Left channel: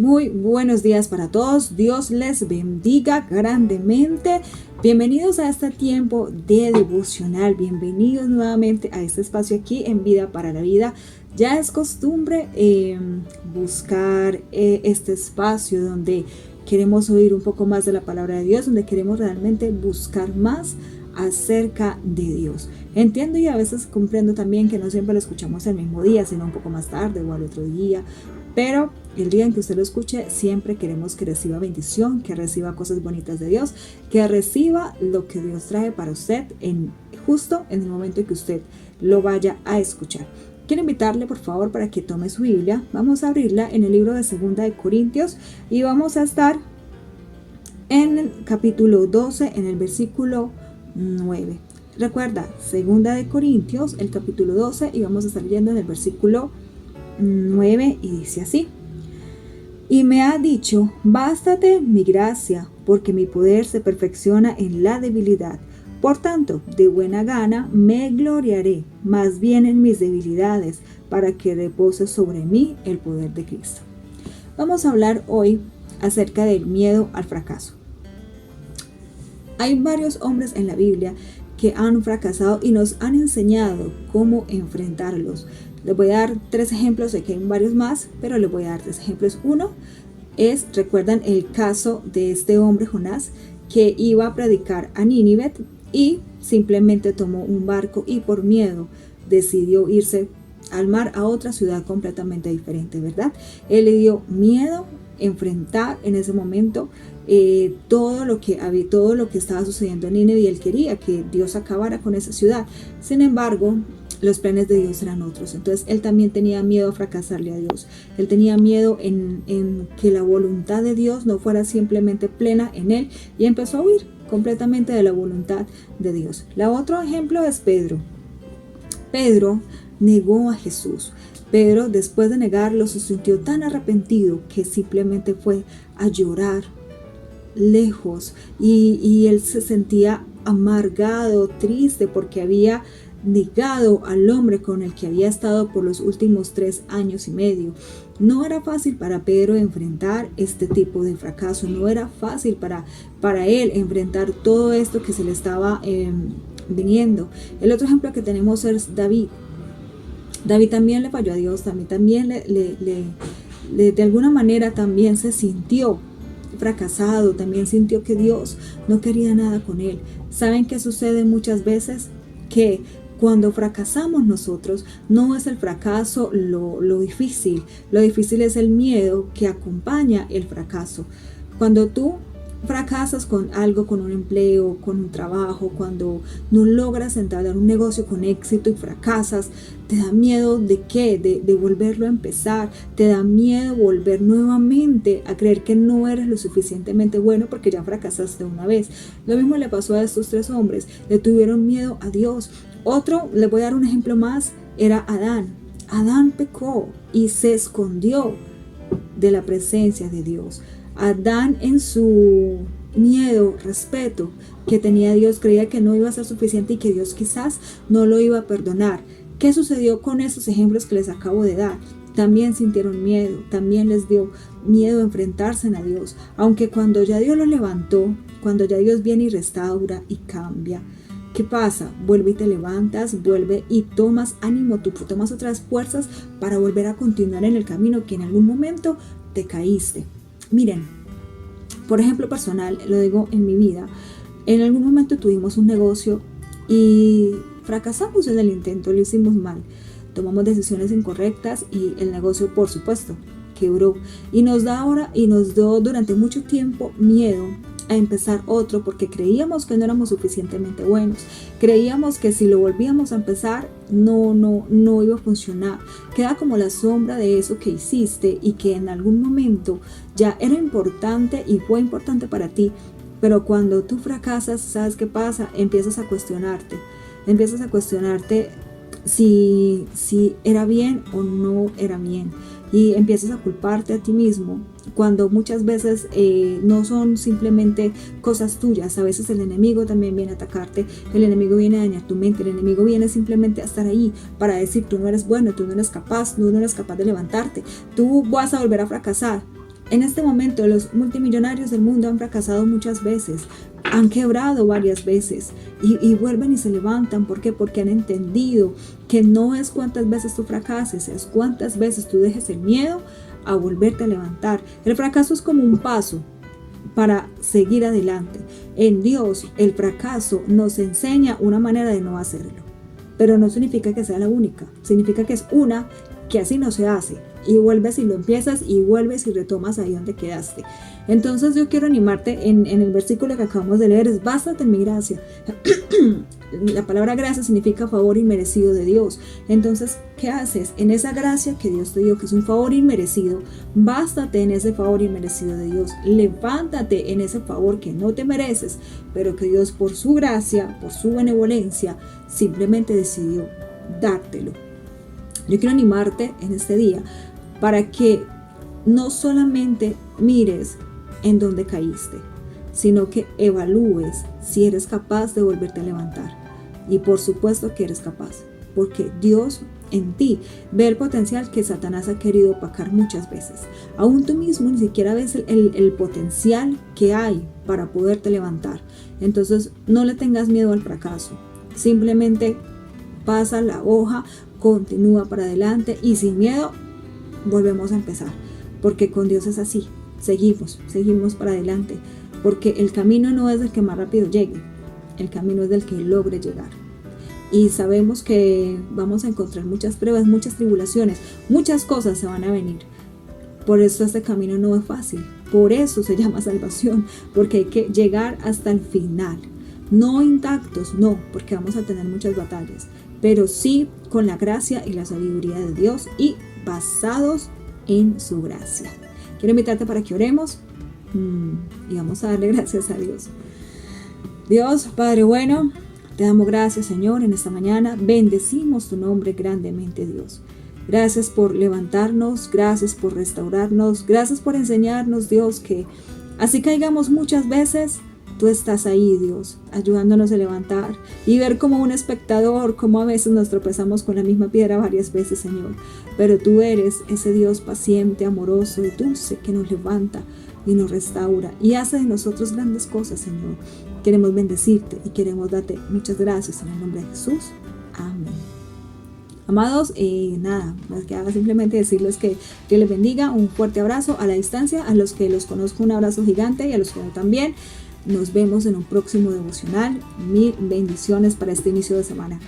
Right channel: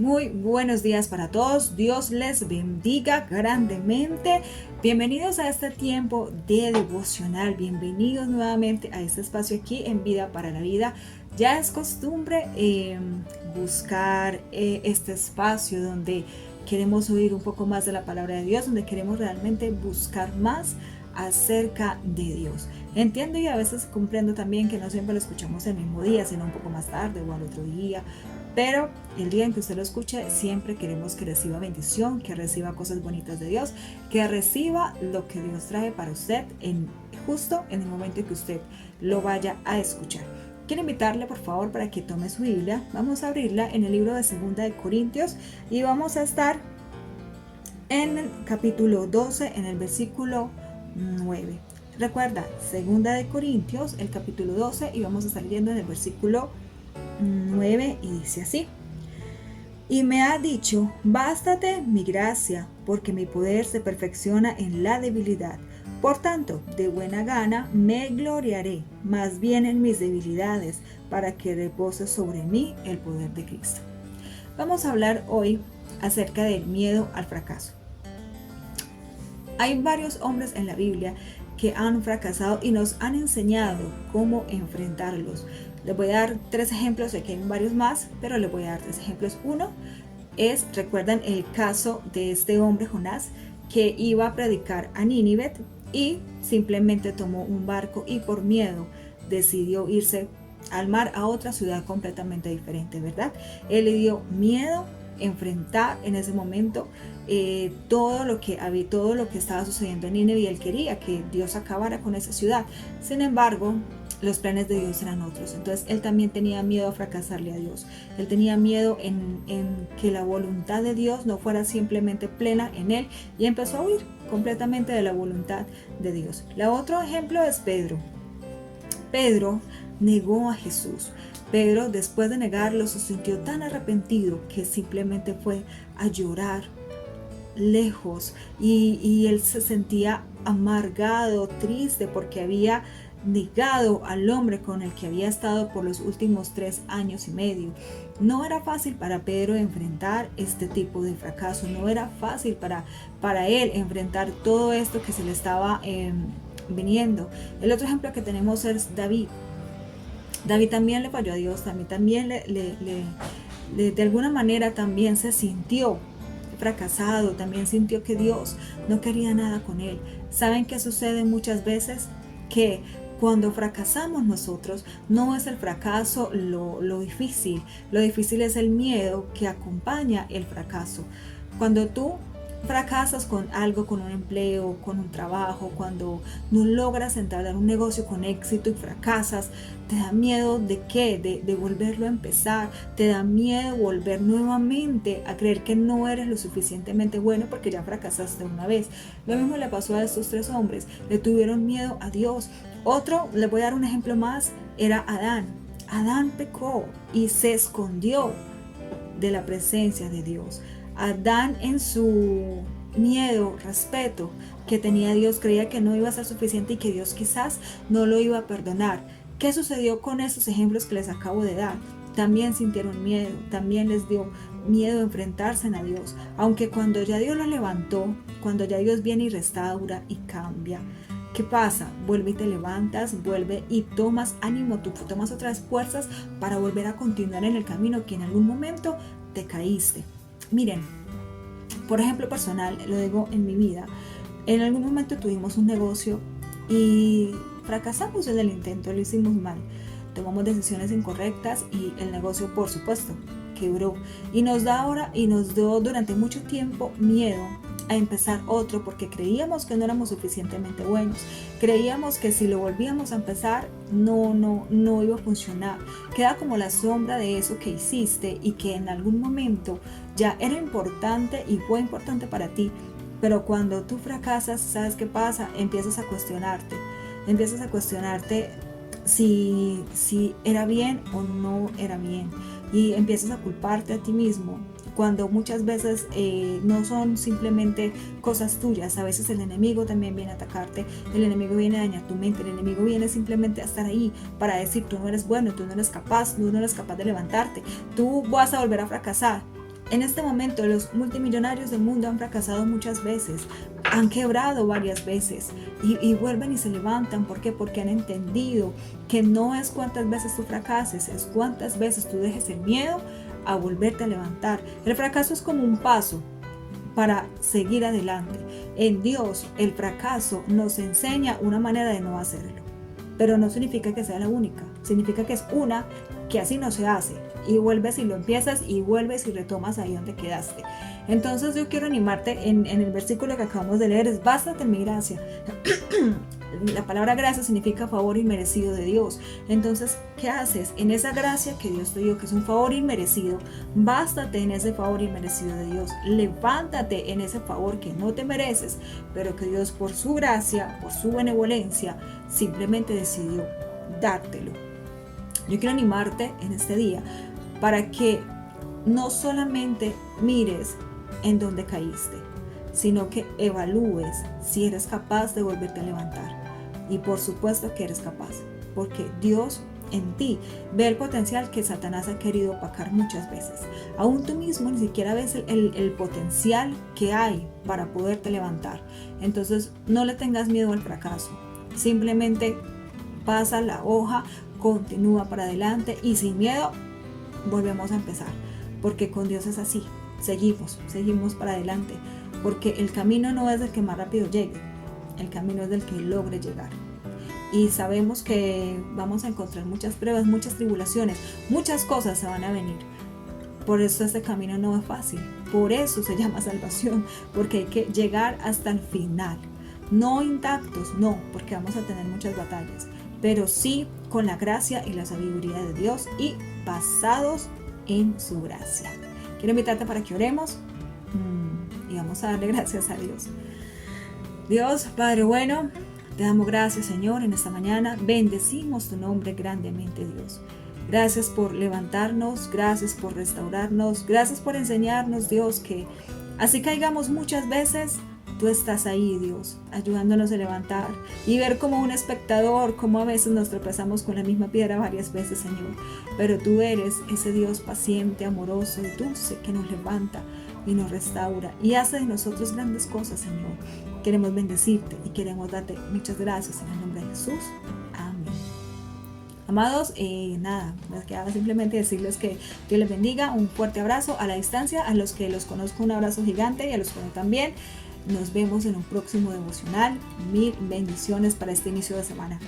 Muy buenos días para todos. Dios les bendiga grandemente. Bienvenidos a este tiempo de devocional. Bienvenidos nuevamente a este espacio aquí en Vida para la Vida. Ya es costumbre buscar este espacio donde queremos oír un poco más de la palabra de Dios, donde queremos realmente buscar más acerca de Dios. Entiendo y a veces comprendo también que no siempre lo escuchamos el mismo día, sino un poco más tarde o al otro día, pero el día en que usted lo escuche, siempre queremos que reciba bendición, que reciba cosas bonitas de Dios, que reciba lo que Dios trae para usted justo en el momento en que usted lo vaya a escuchar. Quiero invitarle por favor para que tome su Biblia. Vamos a abrirla en el libro de 2 Corintios y vamos a estar en el capítulo 12, en el versículo 9. Recuerda, 2 Corintios, el capítulo 12, y vamos a estar leyendo en el versículo 9 y dice así: y me ha dicho, bástate mi gracia, porque mi poder se perfecciona en la debilidad. Por tanto, de buena gana me gloriaré, más bien en mis debilidades, para que repose sobre mí el poder de Cristo. Vamos a hablar hoy acerca del miedo al fracaso. Hay varios hombres en la Biblia que han fracasado y nos han enseñado cómo enfrentarlos. Les voy a dar 3 ejemplos, aquí hay varios más, pero les voy a dar 3 ejemplos. Uno es, recuerdan el caso de este hombre Jonás, que iba a predicar a Nínive y simplemente tomó un barco y por miedo decidió irse al mar, a otra ciudad completamente diferente, ¿verdad? Él le dio miedo enfrentar en ese momento todo lo que estaba sucediendo en Nínive, y él quería que Dios acabara con esa ciudad. Sin embargo, los planes de Dios eran otros. Entonces él también tenía miedo a fracasarle a Dios. Él tenía miedo en que la voluntad de Dios no fuera simplemente plena en él, y empezó a huir completamente de la voluntad de Dios. El otro ejemplo es Pedro. Pedro negó a Jesús. Pedro, después de negarlo, se sintió tan arrepentido que simplemente fue a llorar lejos, y él se sentía amargado, triste, porque había negado al hombre con el que había estado por los últimos 3 años y medio. No era fácil para Pedro enfrentar este tipo de fracaso, no era fácil para él enfrentar todo esto que se le estaba viniendo. El otro ejemplo que tenemos es David. David también le falló a Dios, también de alguna manera también se sintió fracasado, también sintió que Dios no quería nada con él. ¿Saben qué sucede muchas veces? Que cuando fracasamos nosotros, no es el fracaso lo difícil es el miedo que acompaña el fracaso. Cuando tú fracasas con algo, con un empleo, con un trabajo, cuando no logras entablar un negocio con éxito y fracasas, te da miedo de qué, de volverlo a empezar, te da miedo volver nuevamente a creer que no eres lo suficientemente bueno porque ya fracasaste una vez. Lo mismo le pasó a estos 3 hombres, le tuvieron miedo a Dios. Otro, le voy a dar un ejemplo más, era Adán. Adán pecó y se escondió de la presencia de Dios. Adán, en su miedo, respeto que tenía a Dios, creía que no iba a ser suficiente y que Dios quizás no lo iba a perdonar. ¿Qué sucedió con esos ejemplos que les acabo de dar? También sintieron miedo, también les dio miedo enfrentarse a Dios, aunque cuando ya Dios lo levantó, cuando ya Dios viene y restaura y cambia, ¿qué pasa? Vuelve y te levantas, vuelve y tomas ánimo, tú tomas otras fuerzas para volver a continuar en el camino que en algún momento te caíste. Miren, por ejemplo personal, lo digo en mi vida, en algún momento tuvimos un negocio y fracasamos en el intento, lo hicimos mal, tomamos decisiones incorrectas y el negocio, por supuesto, quebró, y nos dio durante mucho tiempo miedo a empezar otro, porque creíamos que no éramos suficientemente buenos, creíamos que si lo volvíamos a empezar no iba a funcionar, queda como la sombra de eso que hiciste y que en algún momento ya era importante y fue importante para ti, pero cuando tú fracasas, ¿sabes qué pasa? Empiezas a cuestionarte si era bien o no era bien, y empiezas a culparte a ti mismo, cuando muchas veces no son simplemente cosas tuyas. A veces el enemigo también viene a atacarte, el enemigo viene a dañar tu mente, el enemigo viene simplemente a estar ahí para decir: tú no eres bueno, tú no eres capaz de levantarte, tú vas a volver a fracasar. En este momento los multimillonarios del mundo han fracasado muchas veces, han quebrado varias veces y vuelven y se levantan. ¿Por qué? Porque han entendido que no es cuántas veces tú fracases, es cuántas veces tú dejes el miedo a volverte a levantar. El fracaso es como un paso para seguir adelante. En Dios el fracaso nos enseña una manera de no hacerlo, pero no significa que sea la única, significa que es una que así no se hace, y vuelves y lo empiezas y vuelves y retomas ahí donde quedaste. Entonces yo quiero animarte en el versículo que acabamos de leer, es bástate en mi gracia. La palabra gracia significa favor inmerecido de Dios. Entonces, ¿qué haces? En esa gracia que Dios te dio, que es un favor inmerecido, bástate en ese favor inmerecido de Dios. Levántate en ese favor que no te mereces, pero que Dios por su gracia, por su benevolencia, simplemente decidió dártelo. Yo quiero animarte en este día para que no solamente mires en dónde caíste, sino que evalúes si eres capaz de volverte a levantar. Y por supuesto que eres capaz, porque Dios en ti ve el potencial que Satanás ha querido opacar muchas veces. Aún tú mismo ni siquiera ves el potencial que hay para poderte levantar. Entonces no le tengas miedo al fracaso, simplemente pasa la hoja, continúa para adelante y sin miedo volvemos a empezar, porque con Dios es así, seguimos para adelante, porque el camino no es del que más rápido llegue, el camino es del que logre llegar. Y sabemos que vamos a encontrar muchas pruebas, muchas tribulaciones, muchas cosas se van a venir. Por eso este camino no es fácil, por eso se llama salvación, porque hay que llegar hasta el final, no intactos, no, porque vamos a tener muchas batallas, pero sí con la gracia y la sabiduría de Dios y basados en su gracia. Quiero invitarte para que oremos y vamos a darle gracias a Dios. Dios, Padre bueno, te damos gracias, Señor, en esta mañana. Bendecimos tu nombre grandemente, Dios. Gracias por levantarnos, gracias por restaurarnos, gracias por enseñarnos, Dios, que así caigamos muchas veces, tú estás ahí, Dios, ayudándonos a levantar y ver como un espectador, como a veces nos tropezamos con la misma piedra varias veces, Señor. Pero tú eres ese Dios paciente, amoroso y dulce que nos levanta y nos restaura y hace de nosotros grandes cosas, Señor. Queremos bendecirte y queremos darte muchas gracias en el nombre de Jesús. Amén. Amados, nada, me queda simplemente decirles que Dios les bendiga, un fuerte abrazo a la distancia, a los que los conozco un abrazo gigante y a los que no también. Nos vemos en un próximo devocional. Mil bendiciones para este inicio de semana.